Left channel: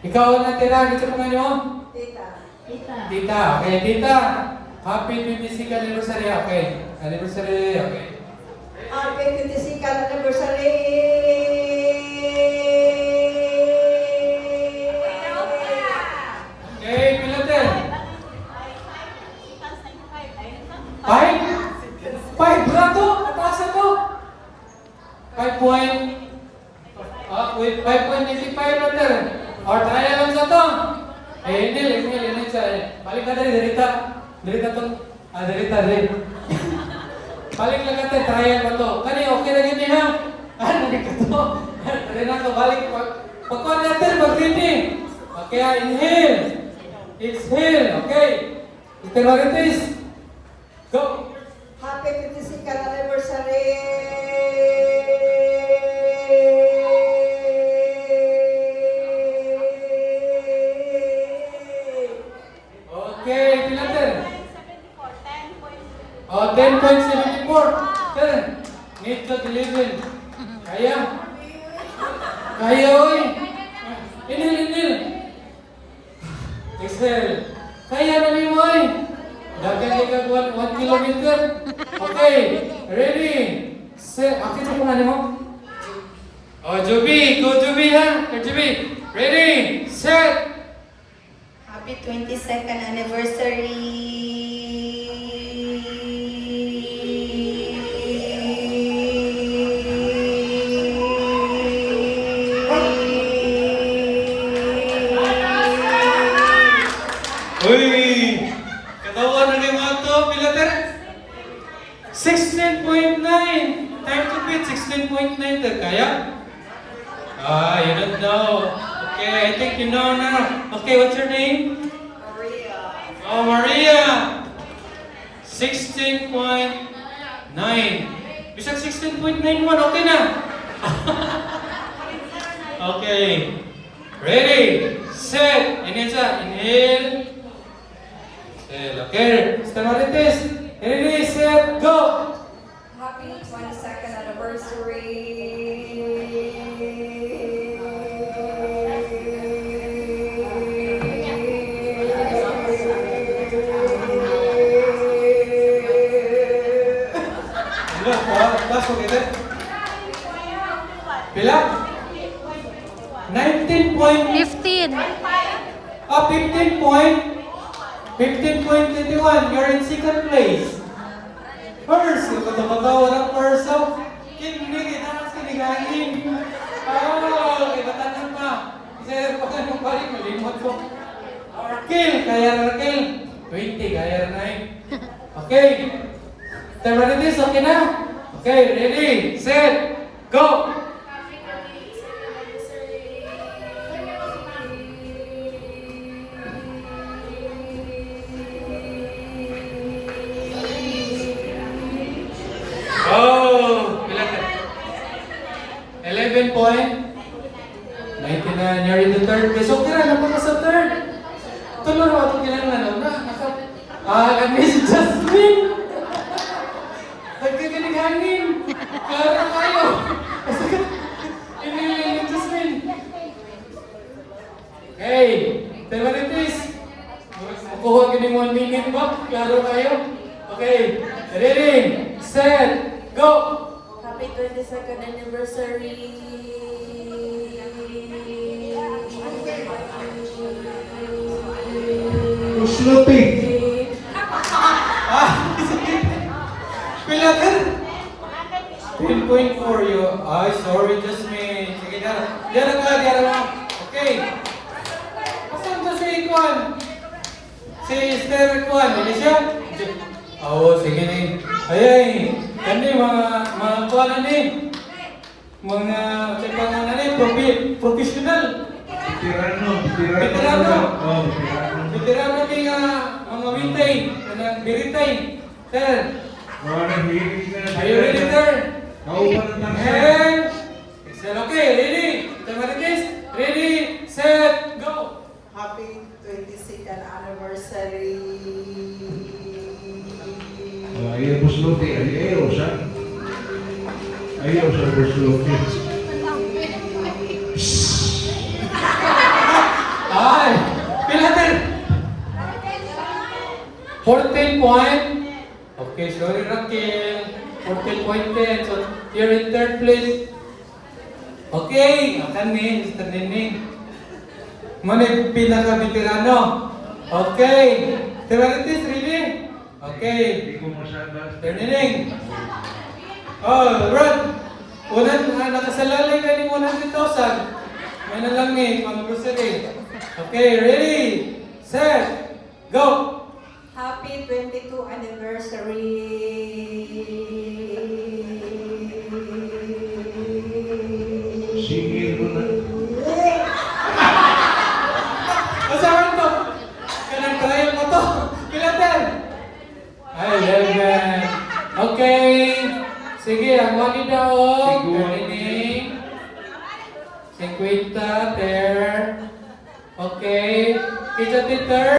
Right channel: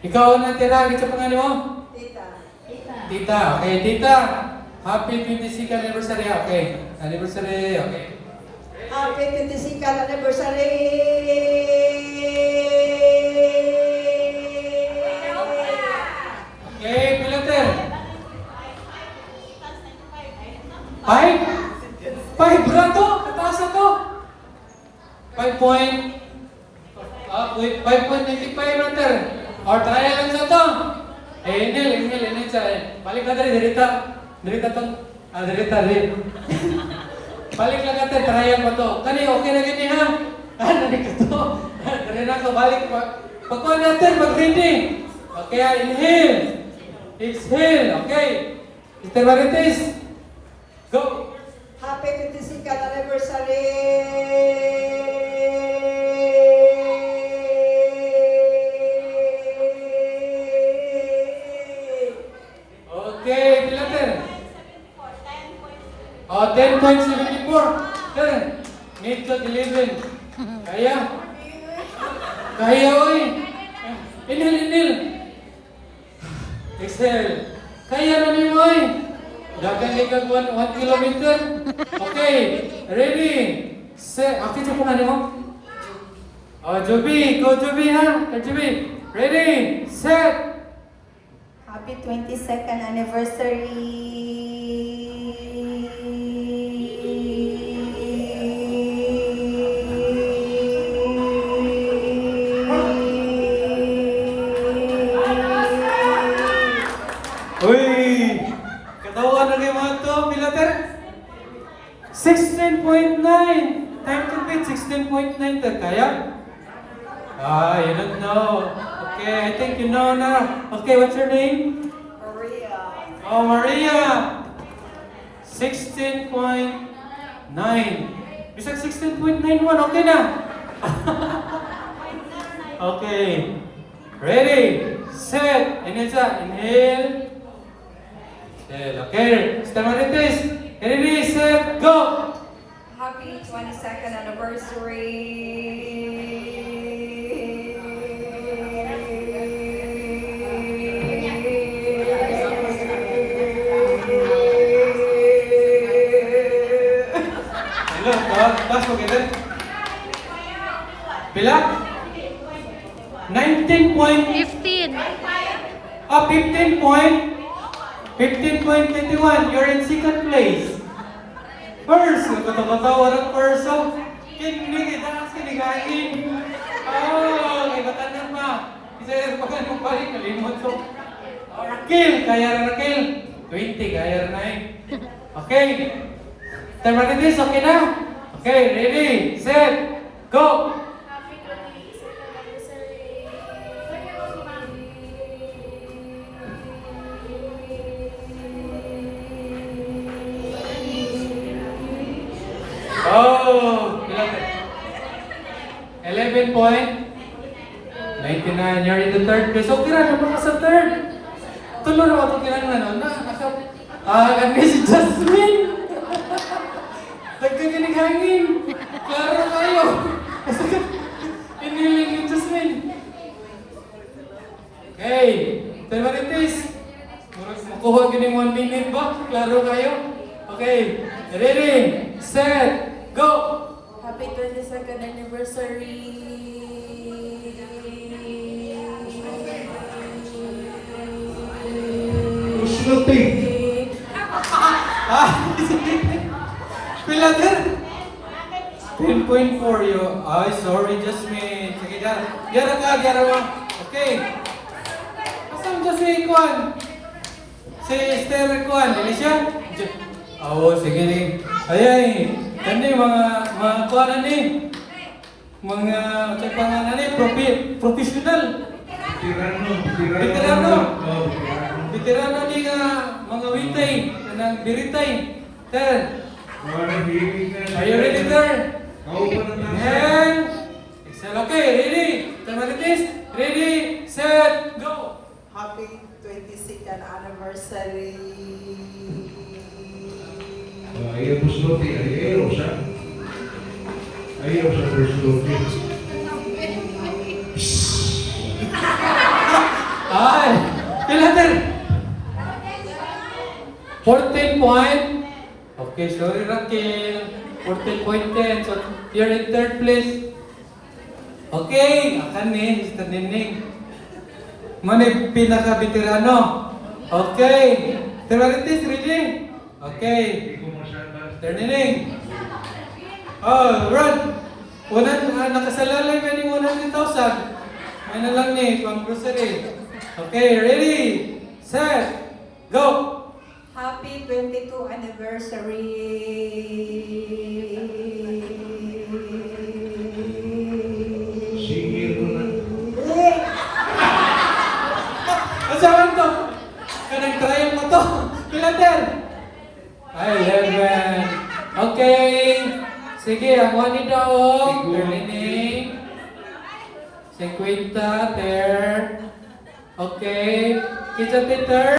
Ikaw na tira, ito pangalan mo? Tita. Tita. Okay, tita. Happy 22nd anniversary. Okay. Anniversary. Okay. Happy 22nd anniversary! Okay, pilater. 5? 5 brato? Mataas ako. 5 point. Wait, 5.85 rater. Or trial lang sa to. Inhale siya. Balik na tayo, dirita to. Dirita. Balik na tayo, trial pa to. Kani, okay na ganyan ha? Dirita to. Dirita to, balik pa. Pagkuha natin, pag-ready. Okay, inhale. Exhale, okay. Mr. Magatis. Go. Happy 22nd anniversary! Okay, pilater. 10.74. Sir, need to deliver. Kaya? Kaya, oy. Inhale. Exhale. Kaya na ni mo, oy. Dagan di ka 1 kilometer. Okay, ready. Set. Ako ito kung ano mo? Joby. Go, Joby, ha? Joby. Ready. Set. Happy 22nd anniversary! Uy! Katawan na rin mga to, pilater? 16.9! Time to beat, 16.9. Kaya? You don't know. Okay, I think you know now. Okay, what's your name? Maria. Oh, Maria! 16.9. You said 16.91, okay na? Okay. Ready, set, inhale siya, inhale. Okay, Stanarites. Ready, set, go! Happy 22nd anniversary! Hello, class together. Pila? 19 point. 15. 15 point. 15.21. You're in second place. First, ito mabawa ng first. So, kinig, dapat kinigain. Ibatanan pa. Isa pa ka nung balik, nalimot ko. Rakil, kaya Rakil. 20, kaya na 9. Okay. Terminatis, okay na? Okay, ready, set, go! Oh, 11 point. 99, you're in the third place. Okay na, naman ka sa third. Tuloy na ako kinangan. Kami si Jasmine. Nagkagaling hangin. Klaro tayo. Iniling ni Jasmine. Okay, Terminatis. Kuha ka ng 1 minute ba? Klaro kayo? Okay, ready, set, go! Happy 22nd anniversary! Sloppy. Pila din? 10.4 you. Ay, sorry, Jasmine. Sige, diara mo. Okay. Asan ka si Kwan? Si Esther Kwan, hindi siya? Oo, sige. Ay, kani mga Kwan ni. Mga professional. Veterano ni mga wintay, mga biritay. Sir, are you ready, sir? And, excel, okay, ready? Terminatis, ready, set, go! Happy 22nd anniversary! Ayaw po sloppy. Ayaw sa po sloppy. 14 point. Okay, sorry Raquel. 14.10. So, you're in third place. Okay, akan ni, Mr. Nining. Manay pinaka-veterano. Okay. Tiraritis, ready? Okay. Mr. Nining. Oh, Rod. Nakasalalay na ni 100,000. May na lang ni, pang grocery. Okay, ready, set, go! Happy 22 anniversary. Sige ko na. Asahan to? Kanag-trial mo to? Kilater? Ay, 11. Okay. Sige, ang wali daw. Galining. 50, ter. Okay. Kita, ter.